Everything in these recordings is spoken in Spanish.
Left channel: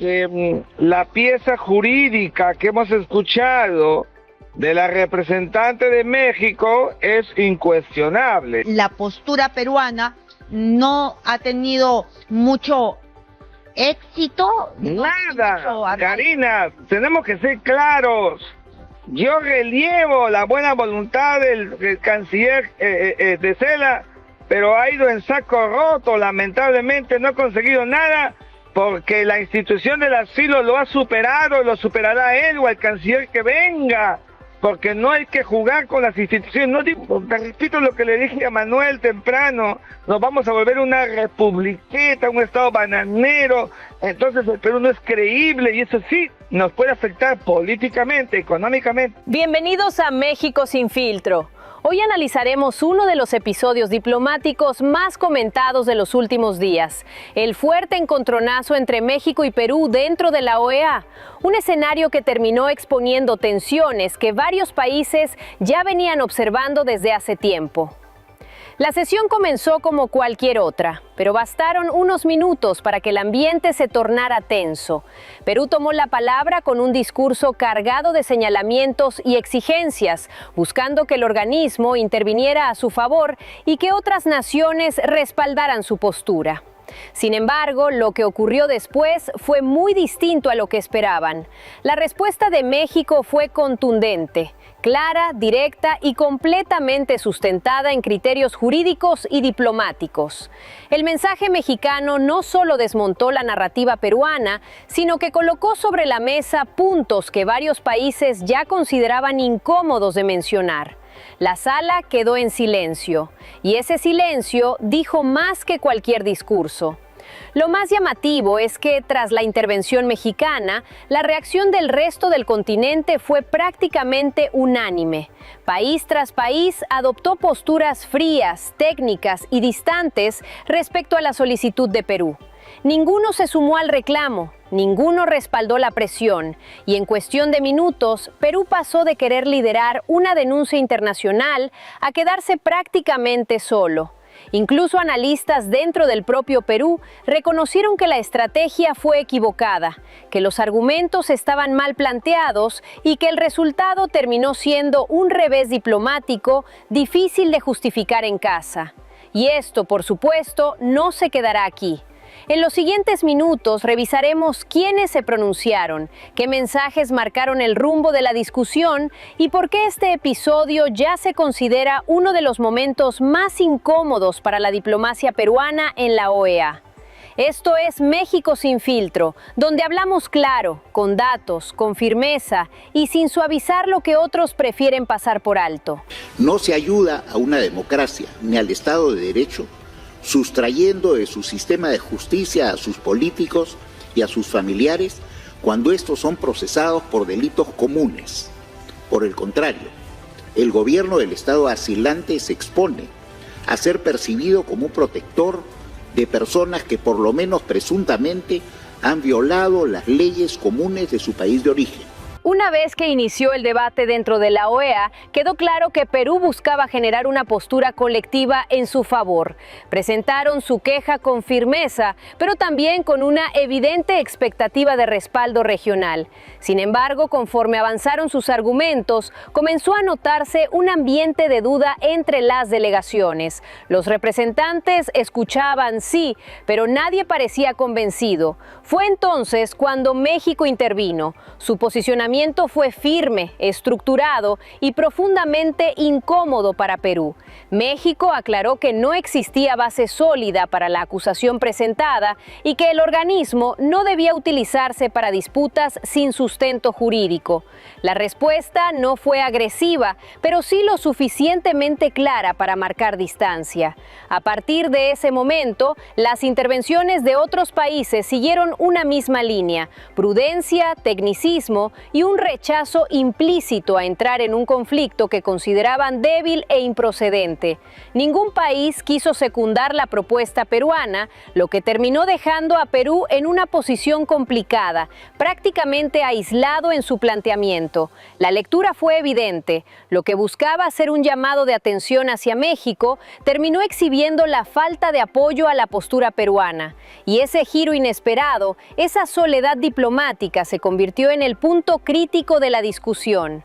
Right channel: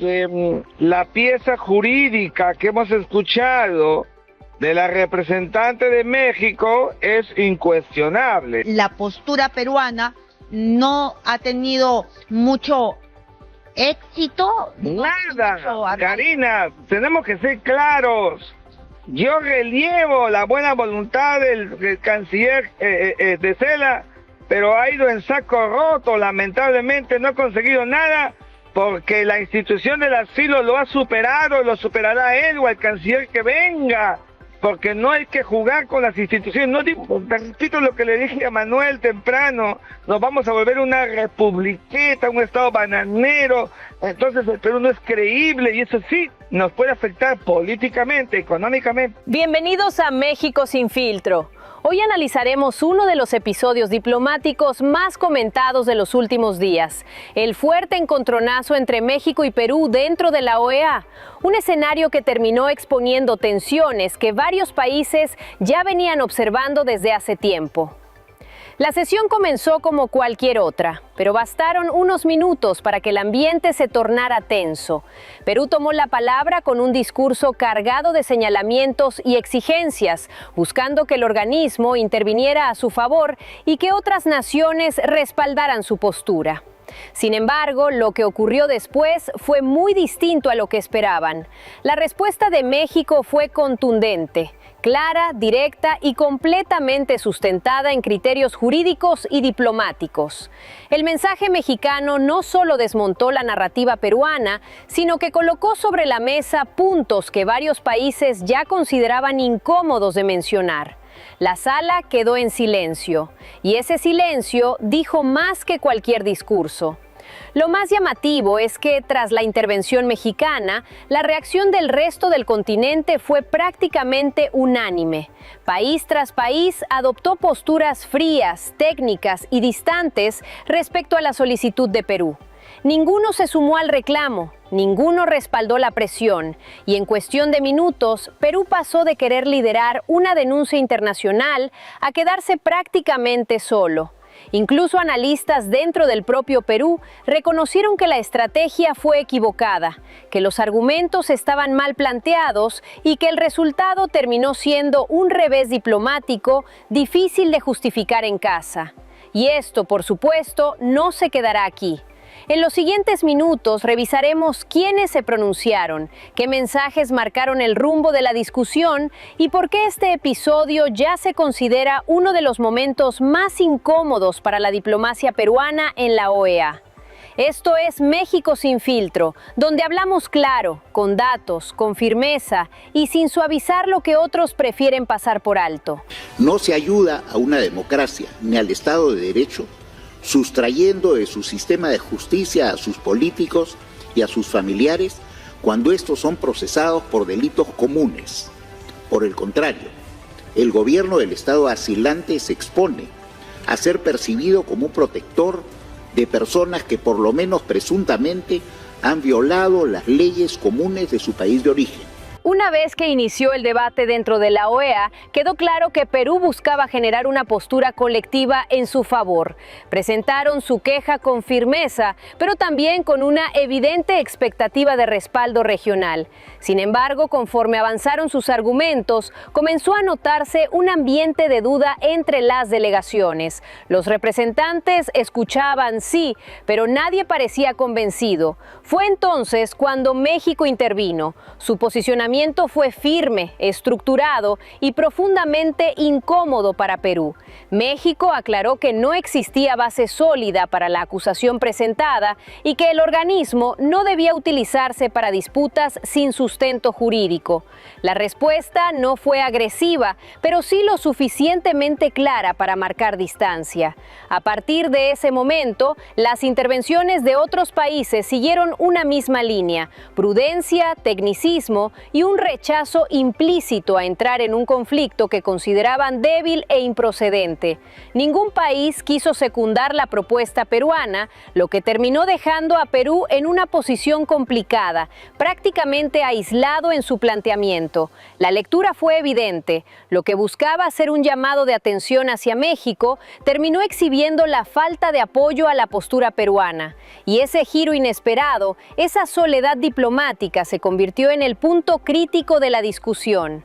que la pieza jurídica que hemos escuchado de la representante de México es incuestionable. La postura peruana no ha tenido mucho éxito. Nada, Karina, tenemos que ser claros. Yo relievo la buena voluntad del canciller de Cela, pero ha ido en saco roto, lamentablemente no ha conseguido nada, porque la institución del asilo lo ha superado, lo superará él o el canciller que venga, porque no hay que jugar con las instituciones. No digo, te repito lo que le dije a Manuel temprano, nos vamos a volver una republiqueta, un estado bananero, entonces el Perú no es creíble y eso sí nos puede afectar políticamente, económicamente. Bienvenidos a México sin filtro. Hoy analizaremos uno de los episodios diplomáticos más comentados de los últimos días, el fuerte encontronazo entre México y Perú dentro de la OEA, un escenario que terminó exponiendo tensiones que varios países ya venían observando desde hace tiempo. La sesión comenzó como cualquier otra, pero bastaron unos minutos para que el ambiente se tornara tenso. Perú tomó la palabra con un discurso cargado de señalamientos y exigencias, buscando que el organismo interviniera a su favor y que otras naciones respaldaran su postura. Sin embargo, lo que ocurrió después fue muy distinto a lo que esperaban. La respuesta de México fue contundente, clara, directa y completamente sustentada en criterios jurídicos y diplomáticos. El mensaje mexicano no solo desmontó la narrativa peruana, sino que colocó sobre la mesa puntos que varios países ya consideraban incómodos de mencionar. La sala quedó en silencio, y ese silencio dijo más que cualquier discurso. Lo más llamativo es que, tras la intervención mexicana, la reacción del resto del continente fue prácticamente unánime. País tras país adoptó posturas frías, técnicas y distantes respecto a la solicitud de Perú. Ninguno se sumó al reclamo, ninguno respaldó la presión, y en cuestión de minutos, Perú pasó de querer liderar una denuncia internacional a quedarse prácticamente solo. Incluso analistas dentro del propio Perú reconocieron que la estrategia fue equivocada, que los argumentos estaban mal planteados y que el resultado terminó siendo un revés diplomático difícil de justificar en casa. Y esto, por supuesto, no se quedará aquí. En los siguientes minutos revisaremos quiénes se pronunciaron, qué mensajes marcaron el rumbo de la discusión y por qué este episodio ya se considera uno de los momentos más incómodos para la diplomacia peruana en la OEA. Esto es México sin filtro, donde hablamos claro, con datos, con firmeza y sin suavizar lo que otros prefieren pasar por alto. No se ayuda a una democracia ni al Estado de Derecho sustrayendo de su sistema de justicia a sus políticos y a sus familiares cuando estos son procesados por delitos comunes. Por el contrario, el gobierno del Estado asilante se expone a ser percibido como protector de personas que por lo menos presuntamente han violado las leyes comunes de su país de origen. Una vez que inició el debate dentro de la OEA, quedó claro que Perú buscaba generar una postura colectiva en su favor. Presentaron su queja con firmeza, pero también con una evidente expectativa de respaldo regional. Sin embargo, conforme avanzaron sus argumentos, comenzó a notarse un ambiente de duda entre las delegaciones. Los representantes escuchaban, sí, pero nadie parecía convencido. Fue entonces cuando México intervino. Su posicionamiento fue firme, estructurado y profundamente incómodo para Perú. México aclaró que no existía base sólida para la acusación presentada y que el organismo no debía utilizarse para disputas sin sustento jurídico. La respuesta no fue agresiva, pero sí lo suficientemente clara para marcar distancia. A partir de ese momento, las intervenciones de otros países siguieron una misma línea: prudencia, tecnicismo y y un rechazo implícito a entrar en un conflicto que consideraban débil e improcedente. Ningún país quiso secundar la propuesta peruana, lo que terminó dejando a Perú en una posición complicada, prácticamente aislado en su planteamiento. La lectura fue evidente. Lo que buscaba ser un llamado de atención hacia México terminó exhibiendo la falta de apoyo a la postura peruana. Y ese giro inesperado, esa soledad diplomática, se convirtió en el punto crítico de la discusión.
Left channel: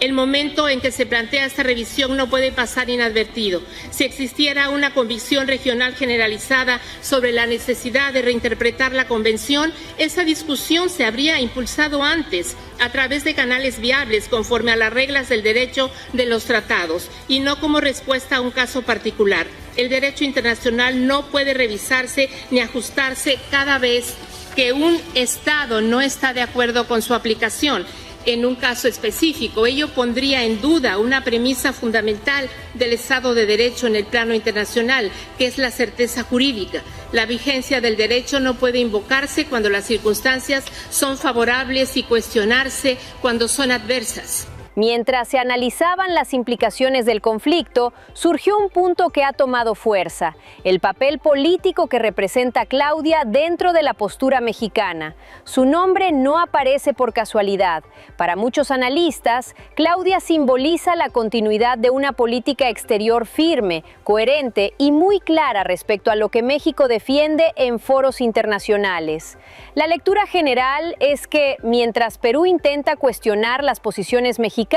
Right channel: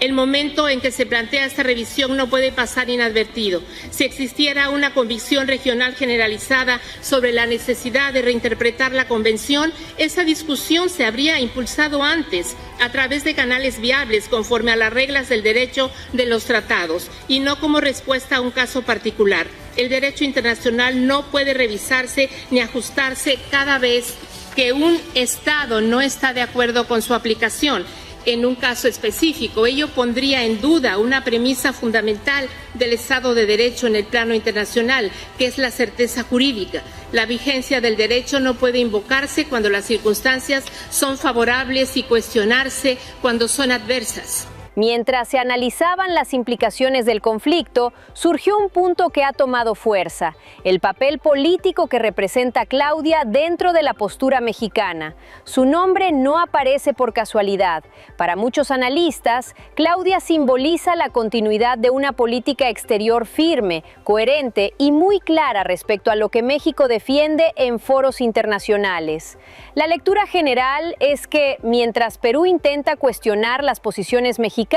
El momento en que se plantea esta revisión no puede pasar inadvertido. Si existiera una convicción regional generalizada sobre la necesidad de reinterpretar la Convención, esa discusión se habría impulsado antes, a través de canales viables conforme a las reglas del derecho de los tratados, y no como respuesta a un caso particular. El derecho internacional no puede revisarse ni ajustarse cada vez que un Estado no está de acuerdo con su aplicación. En un caso específico, ello pondría en duda una premisa fundamental del Estado de Derecho en el plano internacional, que es la certeza jurídica. La vigencia del derecho no puede invocarse cuando las circunstancias son favorables y cuestionarse cuando son adversas. Mientras se analizaban las implicaciones del conflicto, surgió un punto que ha tomado fuerza: el papel político que representa Claudia dentro de la postura mexicana. Su nombre no aparece por casualidad. Para muchos analistas, Claudia simboliza la continuidad de una política exterior firme, coherente y muy clara respecto a lo que México defiende en foros internacionales. La lectura general es que, mientras Perú intenta cuestionar las posiciones mexicanas,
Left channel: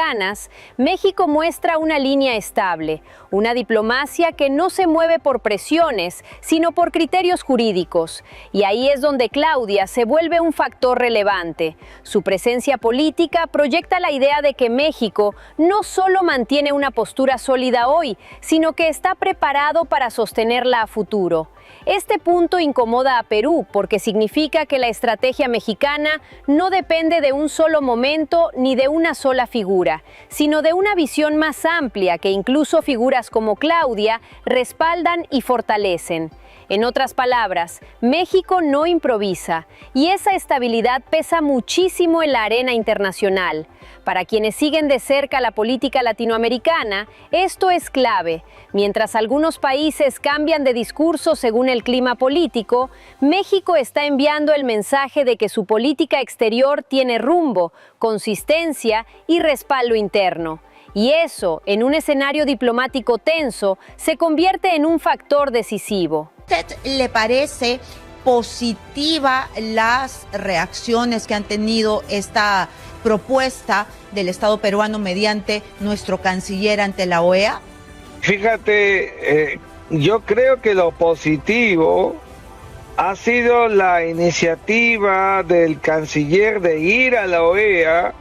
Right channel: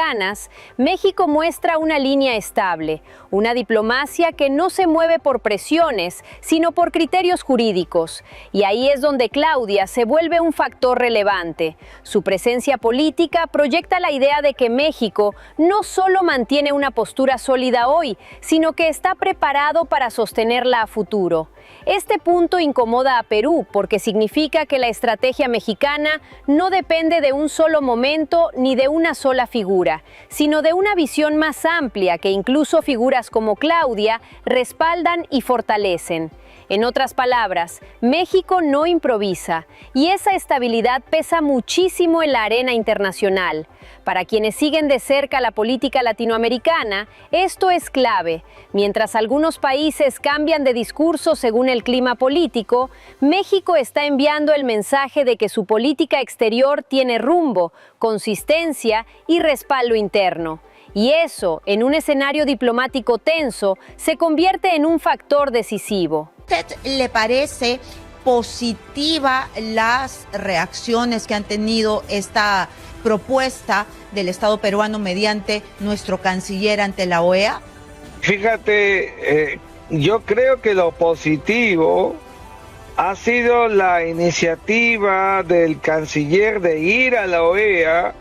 México muestra una línea estable, una diplomacia que no se mueve por presiones, sino por criterios jurídicos. Y ahí es donde Claudia se vuelve un factor relevante. Su presencia política proyecta la idea de que México no solo mantiene una postura sólida hoy, sino que está preparado para sostenerla a futuro. Este punto incomoda a Perú porque significa que la estrategia mexicana no depende de un solo momento ni de una sola figura, sino de una visión más amplia que incluso figuras como Claudia respaldan y fortalecen. En otras palabras, México no improvisa, y esa estabilidad pesa muchísimo en la arena internacional. Para quienes siguen de cerca la política latinoamericana, esto es clave. Mientras algunos países cambian de discurso según el clima político, México está enviando el mensaje de que su política exterior tiene rumbo, consistencia y respaldo interno. Y eso, en un escenario diplomático tenso, se convierte en un factor decisivo. ¿A usted le parece positiva las reacciones que han tenido esta propuesta del Estado peruano mediante nuestro canciller ante la OEA? Fíjate, yo creo que lo positivo ha sido la iniciativa del canciller de ir a la OEA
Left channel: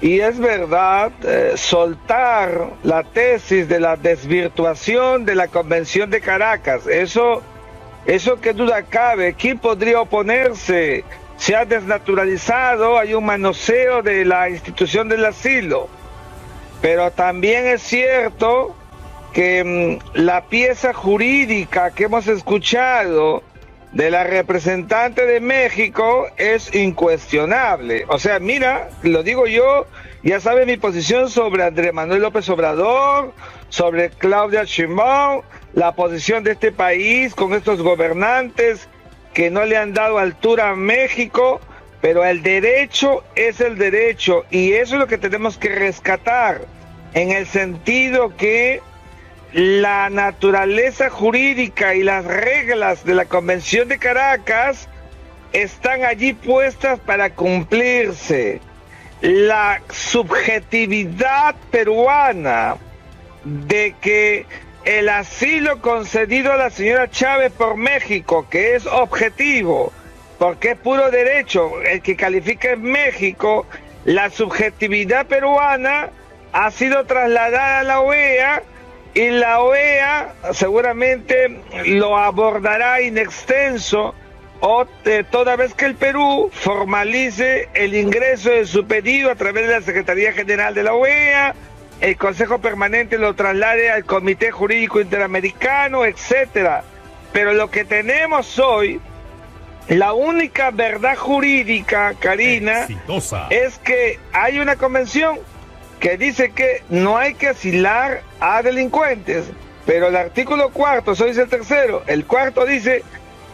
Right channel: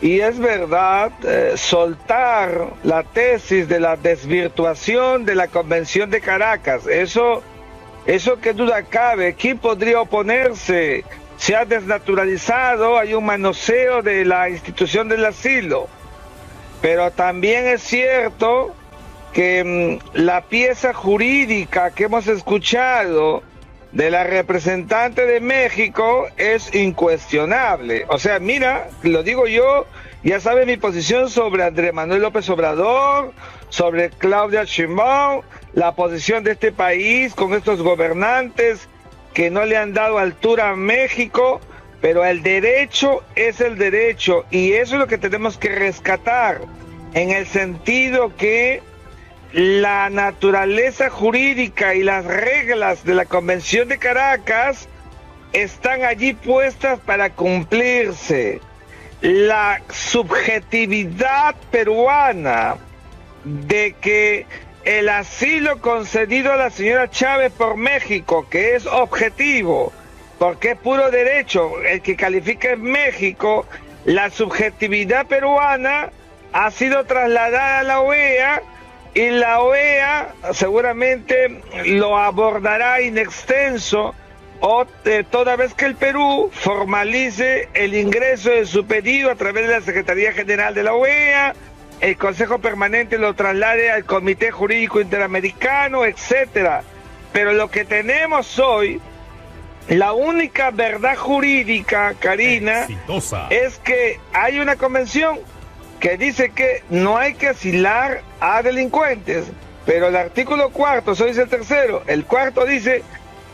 y, es verdad, soltar la tesis de la desvirtuación de la Convención de Caracas. Eso que duda cabe. ¿Quién podría oponerse? Se ha desnaturalizado, hay un manoseo de la institución del asilo. Pero también es cierto que la pieza jurídica que hemos escuchado de la representante de México es incuestionable. O sea, mira, lo digo yo, ya sabe mi posición sobre Andrés Manuel López Obrador, sobre Claudia Sheinbaum, la posición de este país con estos gobernantes que no le han dado altura a México, pero el derecho es el derecho, y eso es lo que tenemos que rescatar, en el sentido que la naturaleza jurídica y las reglas de la Convención de Caracas están allí puestas para cumplirse. La subjetividad peruana de que el asilo concedido a la señora Chávez por México, que es objetivo, porque es puro derecho, el que califica es México, la subjetividad peruana ha sido trasladada a la OEA, y la OEA seguramente lo abordará in extenso toda vez que el Perú formalice el ingreso de su pedido a través de la Secretaría General de la OEA, el Consejo Permanente lo traslade al Comité Jurídico Interamericano, etcétera. Pero lo que tenemos hoy la única verdad jurídica, Karina, es que hay una convención que dice que no hay que asilar a delincuentes, pero el artículo 4, eso dice el tercero, el cuarto dice,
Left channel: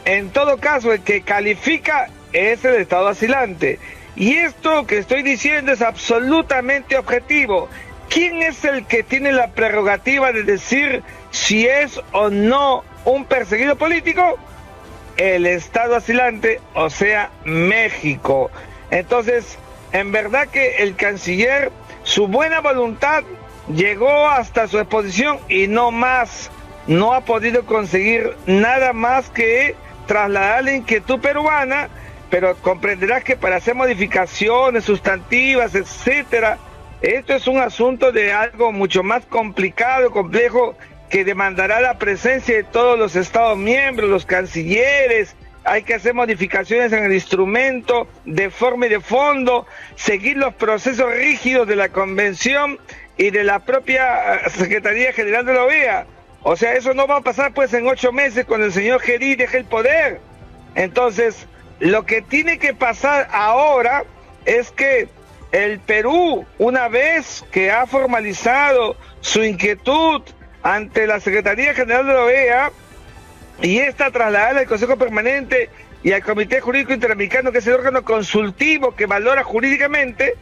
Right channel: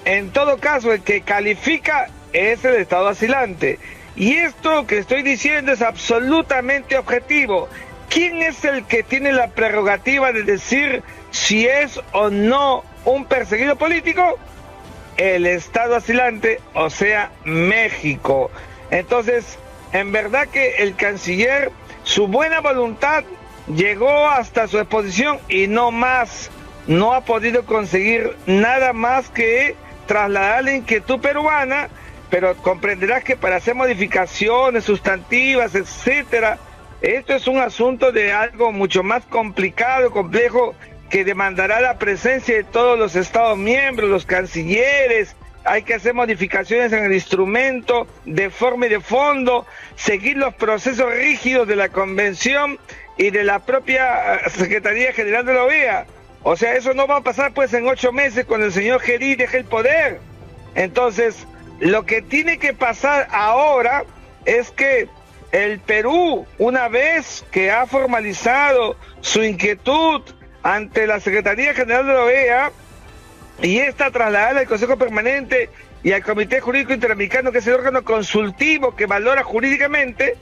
en todo caso, el que califica es el Estado asilante. Y esto que estoy diciendo es absolutamente objetivo. ¿Quién es el que tiene la prerrogativa de decir si es o no un perseguido político? El Estado asilante, o sea, México. Entonces, en verdad que el canciller, su buena voluntad llegó hasta su exposición y no más. No ha podido conseguir nada más que trasladar la inquietud peruana, pero comprenderás que para hacer modificaciones sustantivas, etcétera, esto es un asunto de algo mucho más complicado, complejo, que demandará la presencia de todos los Estados miembros, los cancilleres. Hay que hacer modificaciones en el instrumento de forma y de fondo, seguir los procesos rígidos de la Convención y de la propia Secretaría General de la OEA. O sea, eso no va a pasar pues en 8 meses cuando el señor Geri deje el poder. Entonces, lo que tiene que pasar ahora es que el Perú, una vez que ha formalizado su inquietud ante la Secretaría General de la OEA y está trasladada al Consejo Permanente y al Comité Jurídico Interamericano, que es el órgano consultivo que valora jurídicamente,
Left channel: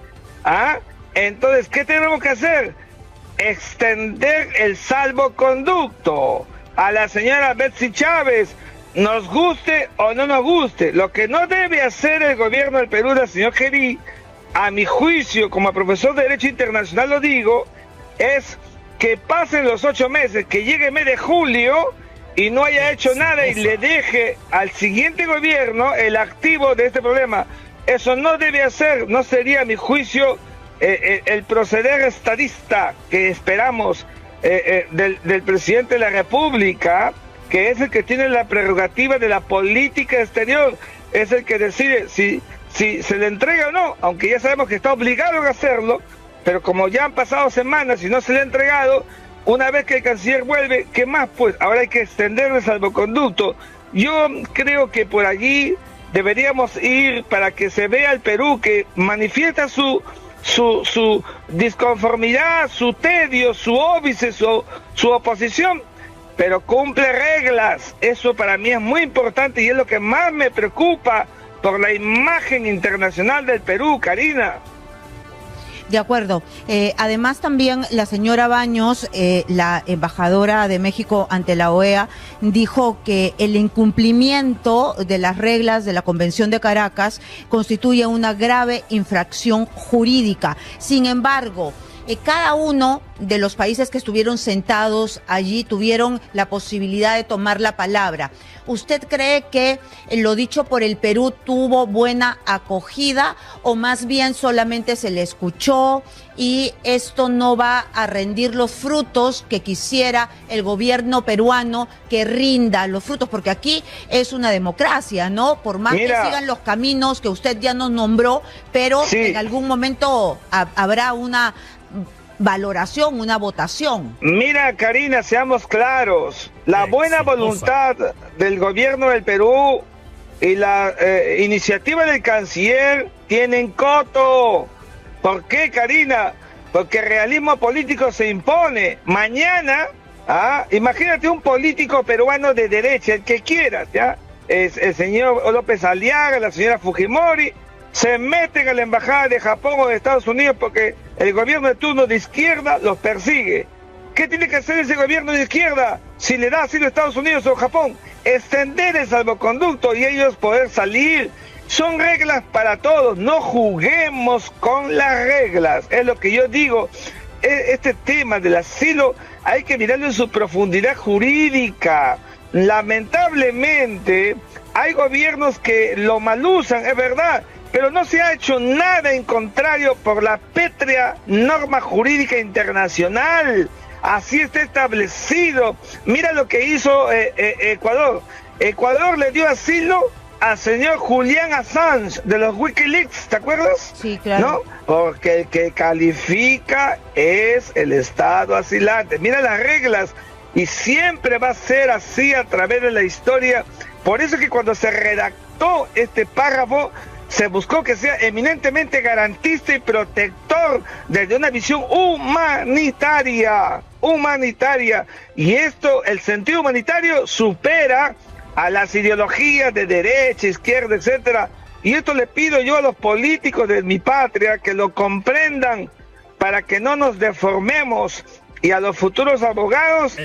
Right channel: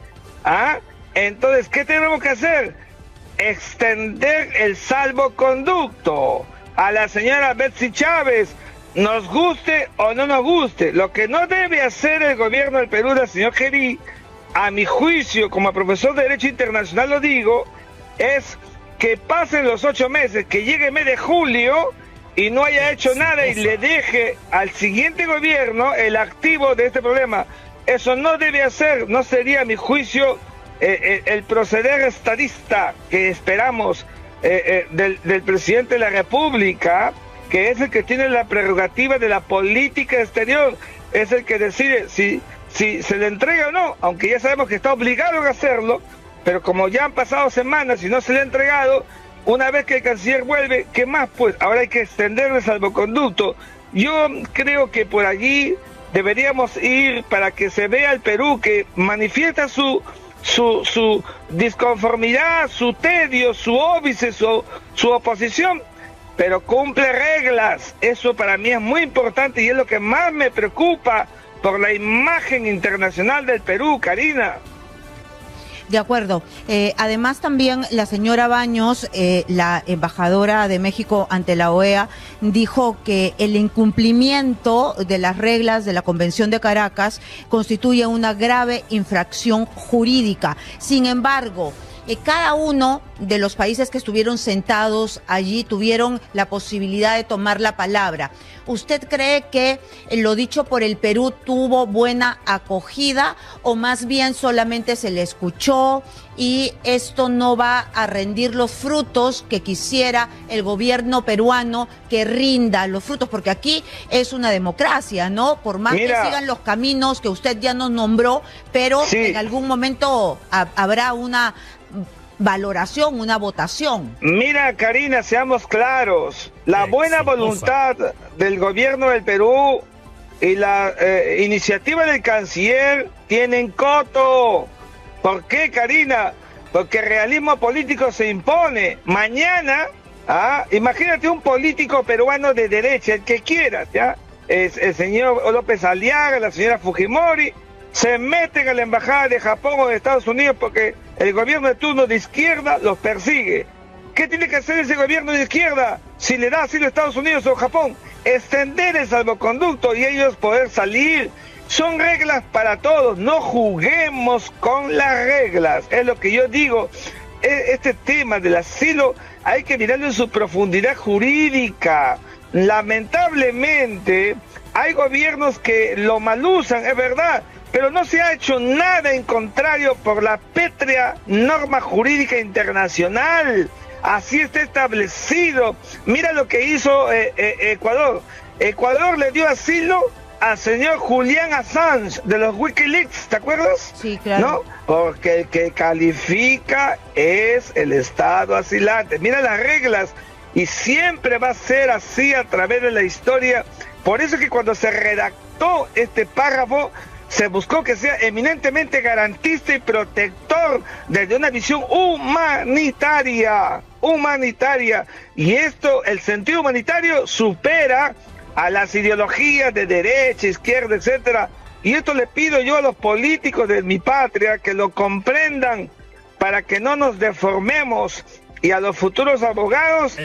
entonces, ¿qué tenemos que hacer? Extender el salvoconducto a la señora Betsy Chávez, nos guste o no nos guste. Lo que no debe hacer el gobierno del Perú del señor Geri, a mi juicio, como profesor de Derecho Internacional lo digo, es que pasen los 8 meses, que llegue el mes de julio y no haya hecho nada y le deje al siguiente gobierno el activo de este problema. Eso no debe hacer, no sería a mi juicio el proceder estadista que esperamos del presidente de la República, que es el que tiene la prerrogativa de la política exterior, es el que decide si se le entrega o no, aunque ya sabemos que está obligado a hacerlo, pero como ya han pasado semanas y no se le ha entregado, una vez que el canciller vuelve, ¿qué más? Pues ahora hay que extender el salvoconducto. Yo creo que por allí deberíamos ir para que se vea el Perú, que manifiesta su disconformidad, su tedio, su óbice, su oposición, pero cumple reglas. Eso para mí es muy importante y es lo que más me preocupa por la imagen internacional del Perú, Karina. De acuerdo. Además también la señora Baños, la embajadora de México ante la OEA, dijo que el incumplimiento de las reglas de la Convención de Caracas constituye una grave infracción jurídica. Sin embargo, cada uno de los países que estuvieron sentados allí tuvieron la posibilidad de tomar la palabra. ¿Usted cree que lo dicho por el Perú tuvo buena acogida o más bien solamente se le escuchó y esto no va a rendir los frutos que quisiera el gobierno peruano que rinda los frutos? Porque aquí es una democracia, ¿no? Por más que sigan los caminos que usted ya nos nombró, pero sí, en algún momento habrá una valoración, una votación. Mira, Karina, seamos claros. La buena voluntad del gobierno del Perú y la iniciativa del canciller tienen coto. ¿Por qué, Karina? Porque el realismo político se impone. Mañana, imagínate un político peruano de derecha, el que quieras, ¿ya? El señor López Aliaga, la señora Fujimori, se meten a la embajada de Japón o de Estados Unidos porque el gobierno de turno de izquierda los persigue. ¿Qué tiene que hacer ese gobierno de izquierda si le da asilo a Estados Unidos o Japón? Extender el salvoconducto y ellos poder salir. Son reglas para todos, no juguemos con las reglas. Es lo que yo digo. Este tema del asilo hay que mirarlo en su profundidad jurídica. Lamentablemente hay gobiernos que lo malusan, es verdad, pero no se ha hecho nada en contrario por la pétrea norma jurídica internacional. Así está establecido. Mira lo que hizo Ecuador. Ecuador le dio asilo al señor Julian Assange de los Wikileaks, ¿te acuerdas? Sí, claro. ¿No? Porque el que califica es el Estado asilante. Mira las reglas. y siempre va a ser así a través de la historia. Por eso que cuando se redactó este párrafo, se buscó que sea eminentemente garantista y protector desde una visión humanitaria. Y esto, el sentido humanitario supera a las ideologías de derecha, izquierda, etcétera. Y esto le pido yo a los políticos de mi patria que lo comprendan para que no nos deformemos, y a los futuros abogados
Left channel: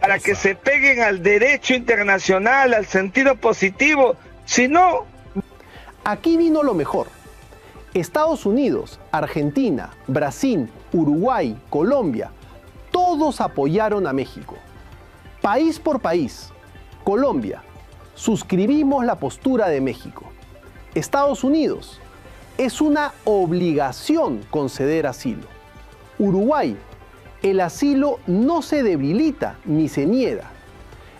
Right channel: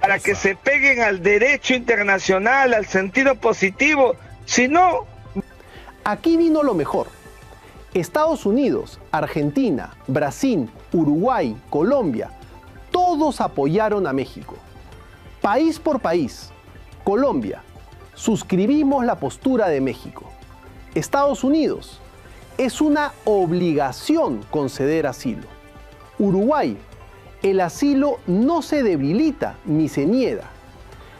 para que se peguen al derecho internacional, al sentido positivo. Si no... Aquí vino lo mejor. Estados Unidos, Argentina, Brasil, Uruguay, Colombia, todos apoyaron a México. País por país. Colombia, suscribimos la postura de México. Estados Unidos, es una obligación conceder asilo. Uruguay, el asilo no se debilita ni se niega.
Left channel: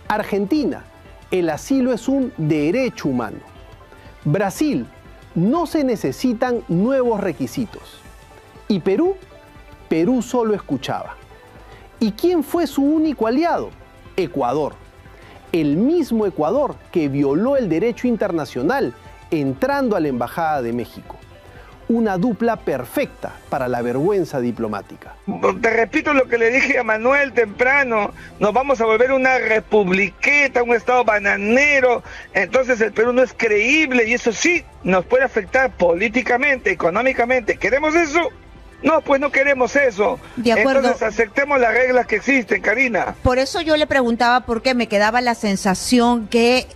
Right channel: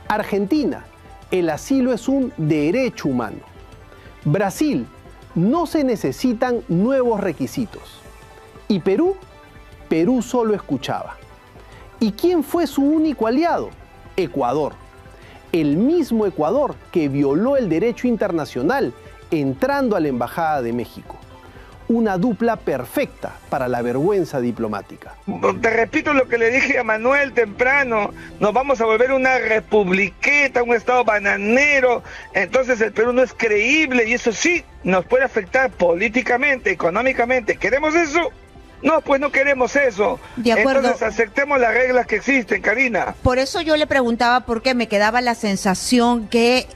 Argentina, el asilo es un derecho humano. Brasil, no se necesitan nuevos requisitos. Y Perú, Perú solo escuchaba. ¿Y quién fue su único aliado? Ecuador. El mismo Ecuador que violó el derecho internacional entrando a la Embajada de México. Una dupla perfecta para la vergüenza diplomática. Te repito lo que le dije a Manuel temprano, nos vamos a volver una republiqueta, un estado bananero, entonces el Perú no es creíble y eso sí nos puede afectar políticamente, económicamente. ¿Queremos eso? No, pues no queremos eso. De acuerdo. Entonces aceptemos las reglas que existen, Karina. Por eso yo le preguntaba, porque me quedaba la sensación que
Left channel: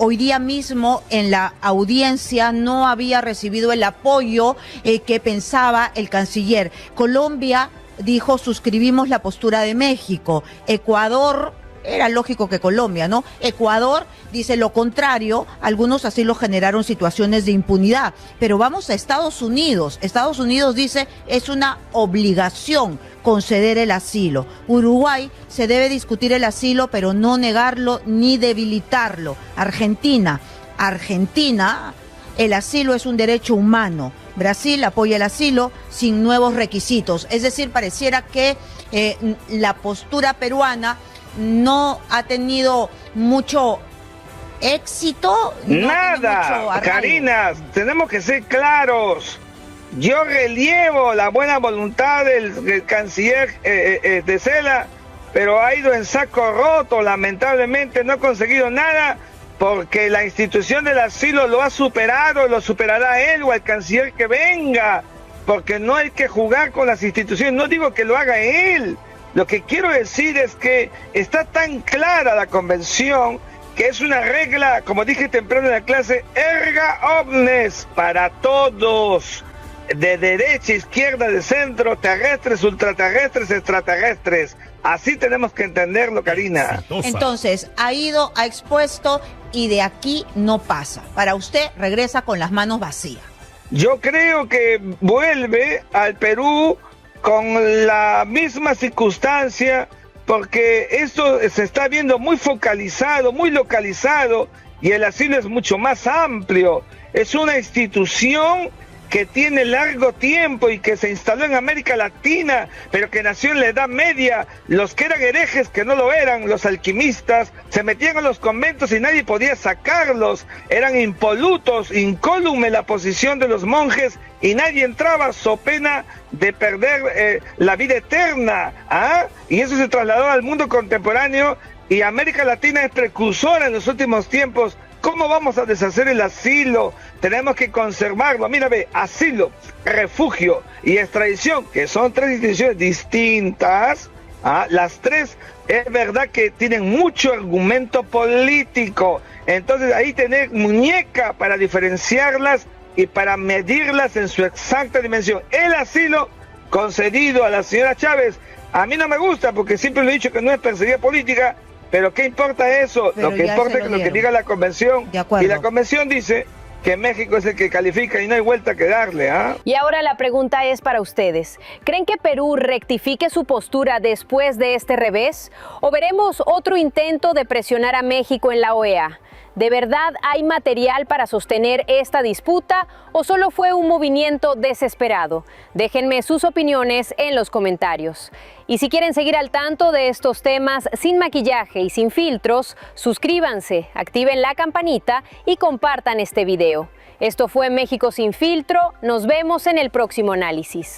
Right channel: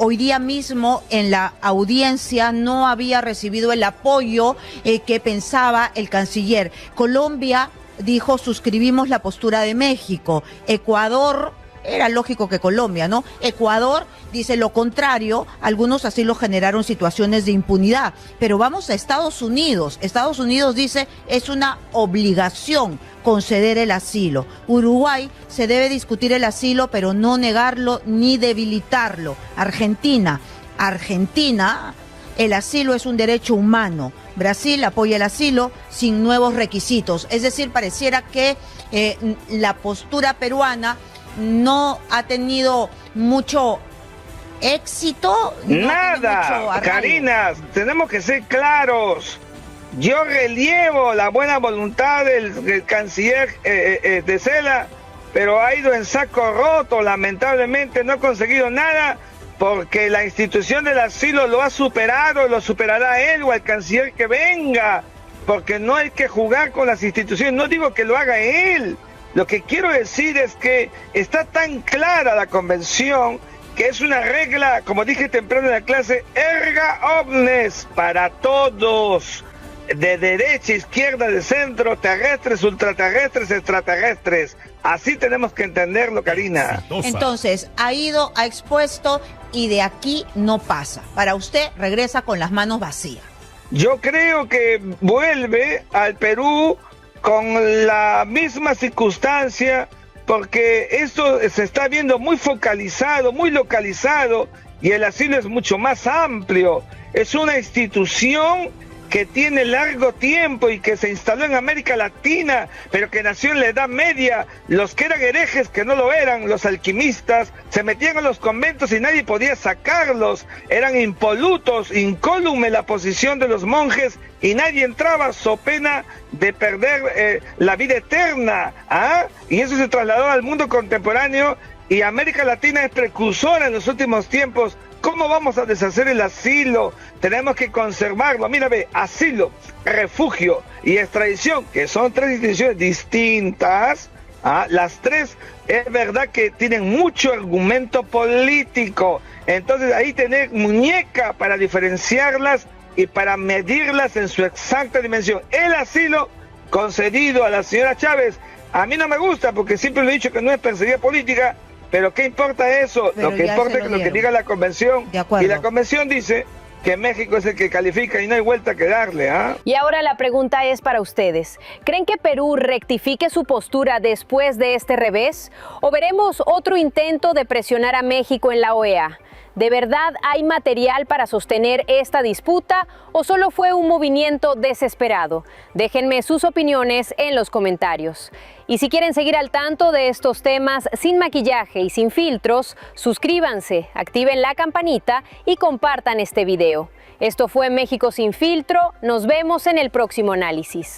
hoy día mismo en la audiencia no había recibido el apoyo que pensaba el canciller. Colombia dijo: suscribimos la postura de México. Ecuador, era lógico que Colombia, ¿no? Ecuador dice lo contrario. Algunos así lo generaron situaciones de impunidad. Pero vamos a Estados Unidos. Estados Unidos dice: es una obligación conceder el asilo. Uruguay: se debe discutir el asilo, pero no negarlo ni debilitarlo. Argentina: el asilo es un derecho humano. Brasil apoya el asilo sin nuevos requisitos. Es decir, pareciera que la postura peruana no ha tenido mucho éxito. Nada, Karina, tenemos que ser claros. Yo relievo la buena voluntad del canciller de Cela, pero ha ido en saco roto. Lamentablemente no ha conseguido nada, porque la institución del asilo lo ha superado, lo superará él o el canciller que venga, porque no hay que jugar con las instituciones. No digo que lo haga él. Lo que quiero decir es que está tan clara la convención que es una regla, como dije temprano en la clase, erga omnes, para todos, de derecha, izquierda, de centro, terrestres, ultraterrestres, extraterrestres. Así tenemos que entenderlo, Karina. Entonces, ha ido, ha expuesto y de aquí no pasa. Para usted, regresa con las manos vacías. Yo creo que vuelve al Perú con la misma circunstancia, porque esto se está viendo muy focalizado, muy localizado, y el asilo es mucho más amplio. Es una institución que tiene largo tiempo y que se instaló en América Latina, pero que nació en la Edad Media. Los que eran herejes, que no lo eran, los alquimistas, se metían a los conventos y nadie podía sacarlos. Eran impolutos, incólume la posición de los monjes, y nadie entraba so pena de perder la vida eterna. Y eso se trasladó al mundo contemporáneo, y América Latina es precursora en los últimos tiempos. ¿Cómo vamos a deshacer el asilo? Tenemos que conservarlo. Mira, ve, asilo, refugio y extradición, que son tres instituciones distintas. Las tres es verdad que tienen mucho argumento político. Entonces ahí tener muñeca para diferenciarlas y para medirlas en su exacta dimensión. El asilo concedido a la señora Chávez, a mí no me gusta, porque siempre le he dicho que no es perseguida política. Pero ¿qué importa eso? Lo que importa es lo que diga la convención. Y la convención dice que México es el que califica y no hay vuelta que darle. Y ahora la pregunta es para ustedes. ¿Creen que Perú rectifique su postura después de este revés? ¿O veremos otro intento de presionar a México en la OEA? ¿De verdad hay material para sostener esta disputa o solo fue un movimiento desesperado? Déjenme sus opiniones en los comentarios. Y si quieren seguir al tanto de estos temas sin maquillaje y sin filtros, suscríbanse, activen la campanita y compartan este video. Esto fue México sin filtro. Nos vemos en el próximo análisis.